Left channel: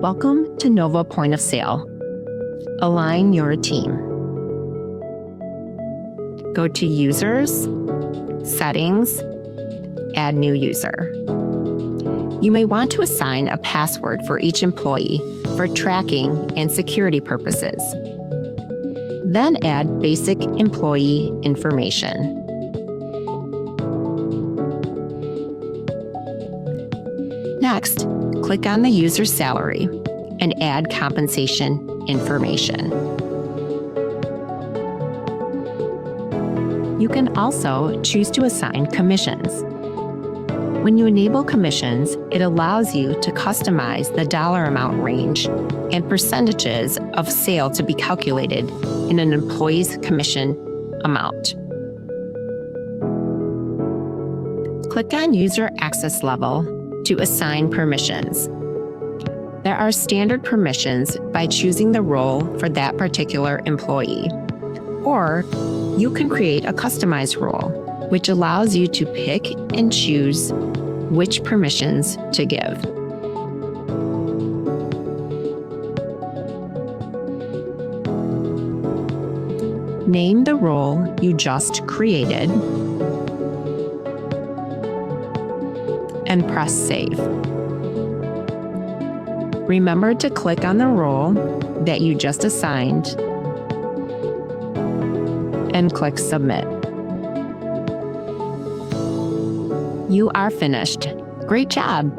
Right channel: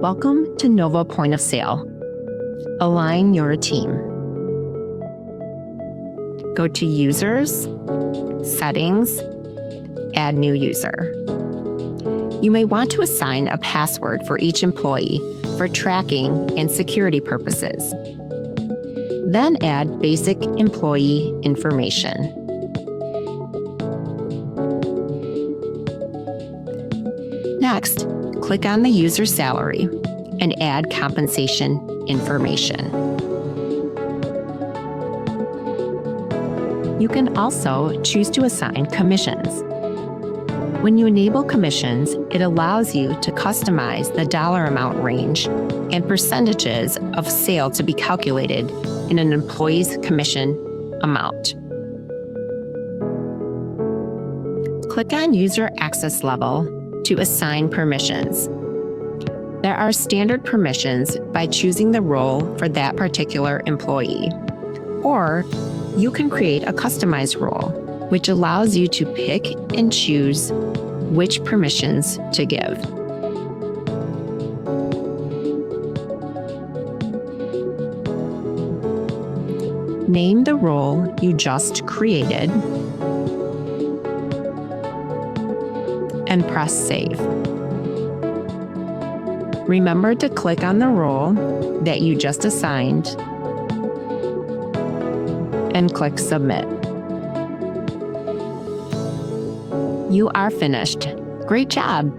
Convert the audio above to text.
Welcome to Nova Point of Sale. Align your team. Go to Users, Settings, Add New User. You may want to assign a password for each employee for tracking and security purposes. Then add basic employee information. Next, click on the user's salary and add compensation information. You can also choose to assign commissions. When you enable commissions, it allows you to customize the dollar amount range and percentages of sale to be calculated in an employee's commission amount. Click on User Access Level to assign permissions. There are standard permissions by choosing the role for that particular employee, or you can create a customized role, which allows you to pick and choose which permissions to give. Name the role you just created and press Save. Remember to click on the role that you just assigned and click Submit. You are finished. Great job!